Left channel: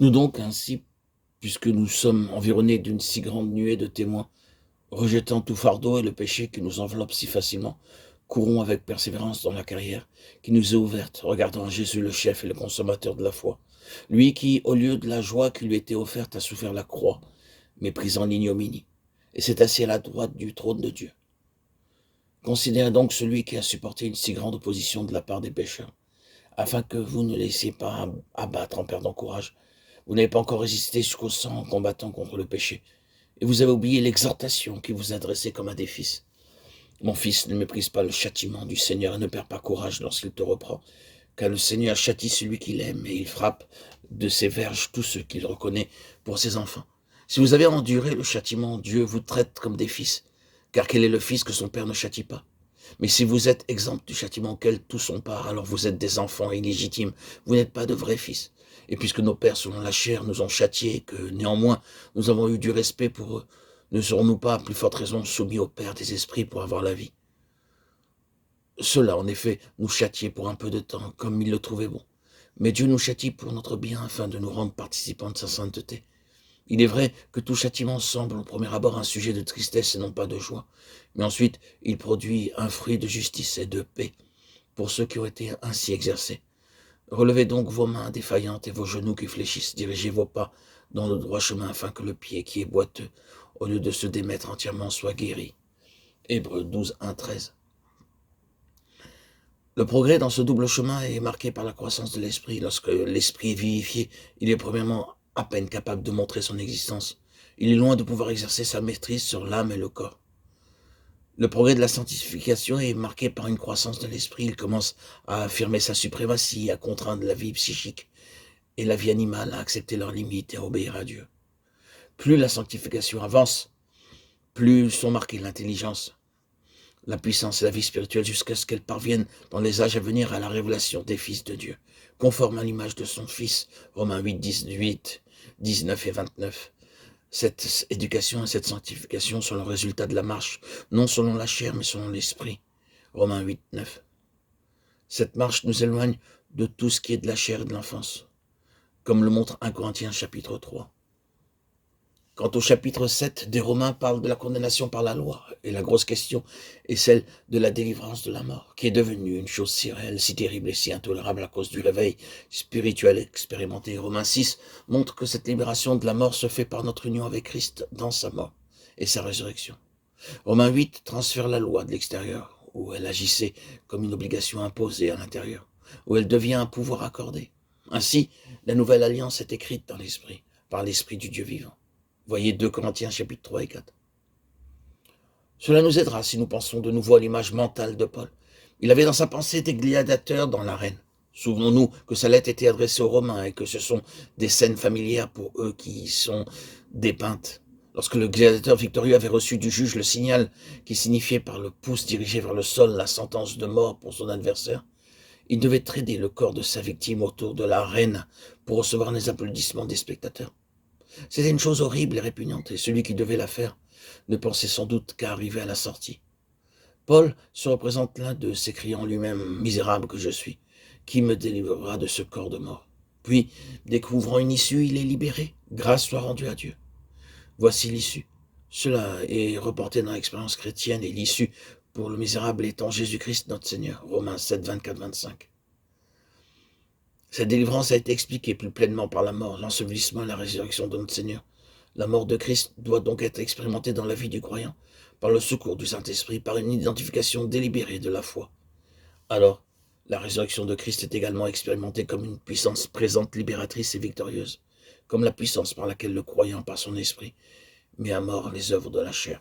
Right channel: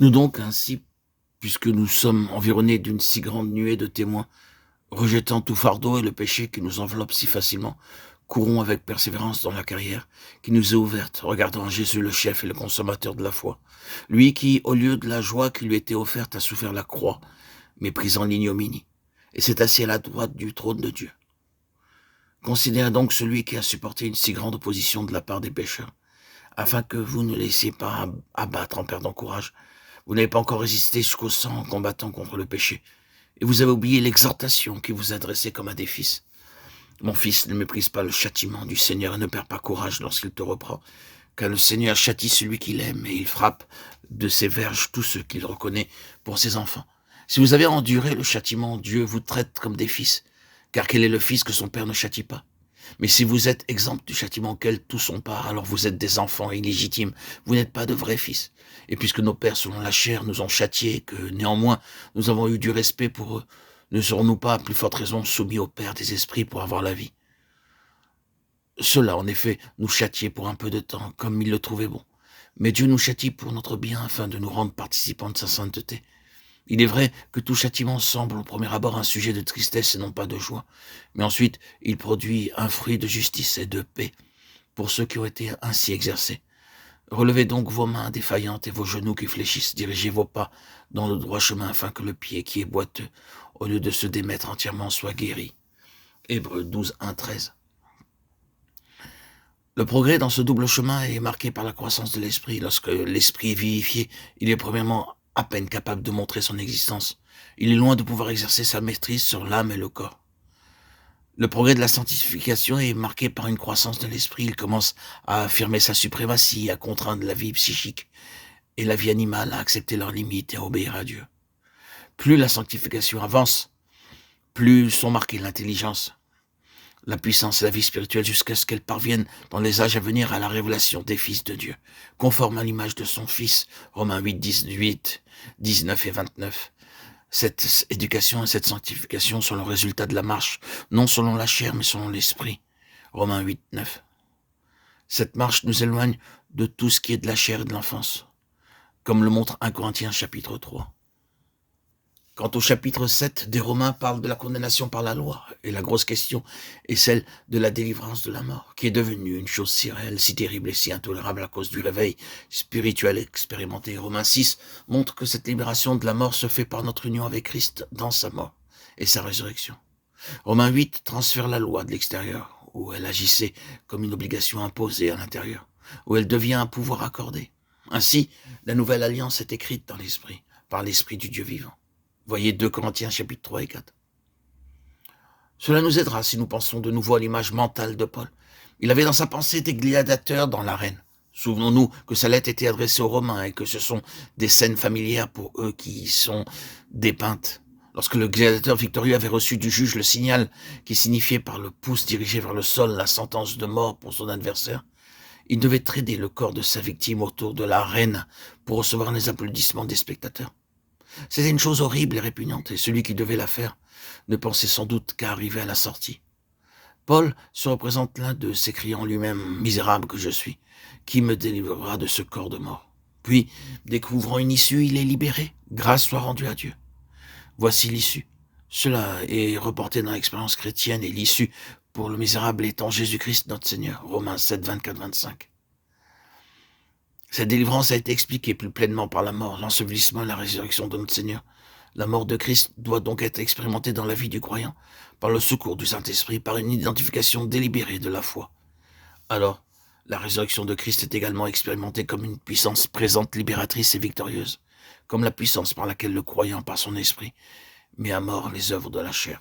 Nous donc ainsi, puisque nous sommes environnés d'une si grande nuée de témoins, rejetant tout fardeau et le péché qui nous enveloppe si facilement, courons avec persévérance dans la carrière qui nous est ouverte, regardant Jésus le chef et le consommateur de la foi. Lui qui, au lieu de la joie qui lui était offerte, a souffert la croix, méprisant l'ignominie, et s'est assis à la droite du trône de Dieu. Considérez donc celui qui a supporté une si grande opposition de la part des pécheurs, afin que vous ne laissiez pas abattre en perdant courage. Vous n'avez pas encore résisté jusqu'au sang en combattant contre le péché, et vous avez oublié l'exhortation qui vous adressait comme à des fils. Mon fils, ne méprise pas le châtiment du Seigneur et ne perds pas courage lorsqu'il te reprend, car le Seigneur châtie celui qu'il aime et il frappe de ses verges tous ceux qu'il reconnaît pour ses enfants. Si vous avez enduré le châtiment, Dieu vous traite comme des fils, car quel est le fils que son père ne châtie pas? Mais si vous êtes exempt du châtiment auquel tous sont part, alors vous êtes des enfants illégitimes, vous n'êtes pas de vrais fils. Et puisque nos pères selon la chair nous ont châtiés, et que néanmoins nous avons eu du respect pour eux, ne serons-nous pas à plus forte raison soumis au Père des esprits pour avoir la vie? Cela, en effet, nous châtiait pour un peu de temps, comme il le trouvait bon. Mais Dieu nous châtie pour notre bien, afin de nous rendre participants de sa sainteté. Il est vrai que tout châtiment semble au premier abord un sujet de tristesse et non pas de joie, mais ensuite il produit un fruit de justice et de paix pour ceux qui ont été ainsi exercés. Relevez donc vos mains défaillantes et vos genoux qui fléchissent, dirigez vos pas dans le droit chemin afin que le pied qui est boiteux, au lieu de se démettre entièrement, soit guéri. Hébreux 12, 1, 13. Le progrès dans ce double chemin est marqué par la croissance de l'esprit. Lorsque l'esprit est vivifié, il est premièrement à peine capable de montrer son existence. Il est loin de pouvoir exercer sa maîtrise sur l'âme et le corps. Le progrès de la sanctification est marqué par une croissance de l'esprit. Il commence à affirmer sa suprématie, à contraindre la vie psychique et la vie animale à accepter leurs limites et à obéir à Dieu. Plus la sanctification avance, plus sont marquées l'intelligence, la puissance et la vie spirituelle jusqu'à ce qu'elle parvienne dans les âges à venir à la révélation des fils de Dieu, conforme à l'image de son Fils, Romains 8, 18, 19 et 29. Cette éducation et cette sanctification sont le résultat de la marche, non selon la chair, mais selon l'esprit, Romains 8, 9. Cette marche nous éloigne de tout ce qui est de la chair et de l'enfance, comme le montre 1 Corinthiens chapitre 3. Quant au chapitre 7 des Romains parle de la condamnation par la loi, et la grosse question est celle de la délivrance de la mort, qui est devenue une chose si réelle, si terrible et si intolérable à cause du réveil spirituel expérimenté. Romains 6 montre que cette libération de la mort se fait par notre union avec Christ dans sa mort et sa résurrection. Romains 8 transfère la loi de l'extérieur, où elle agissait comme une obligation imposée à l'intérieur, où elle devient un pouvoir accordé. Ainsi, la nouvelle alliance est écrite dans l'esprit, par l'esprit du Dieu vivant. Voyez 2 Corinthiens chapitre 3 et 4. Cela nous aidera si nous pensons de nouveau à l'image mentale de Paul. Il avait dans sa pensée des gladiateurs dans l'arène. Souvenons-nous que sa lettre était adressée aux Romains et que ce sont des scènes familières pour eux qui y sont dépeintes. Lorsque le gladiateur victorieux avait reçu du juge le signal qui signifiait par le pouce dirigé vers le sol la sentence de mort pour son adversaire, il devait traîner le corps de sa victime autour de l'arène pour recevoir les applaudissements des spectateurs. C'était une chose horrible et répugnante, et celui qui devait la faire ne pensait sans doute qu'à arriver à la sortie. Paul se représente l'un d'eux, s'écriant lui-même « Misérable que je suis, qui me délivrera de ce corps de mort ?» Puis, découvrant une issue, il est libéré. Grâce soit rendue à Dieu. Voici l'issue. Cela est reporté dans l'expérience chrétienne, et l'issue pour le misérable étant Jésus-Christ notre Seigneur. Romains 7, 24, 25. Cette délivrance a été expliquée plus pleinement par la mort, l'ensevelissement et la résurrection de notre Seigneur. La mort de Christ doit donc être expérimentée dans la vie du croyant, par le secours du Saint-Esprit, par une identification délibérée de la foi. Alors, la résurrection de Christ est également expérimentée comme une puissance présente, libératrice et victorieuse, comme la puissance par laquelle le croyant, par son esprit, met à mort les œuvres de la chair.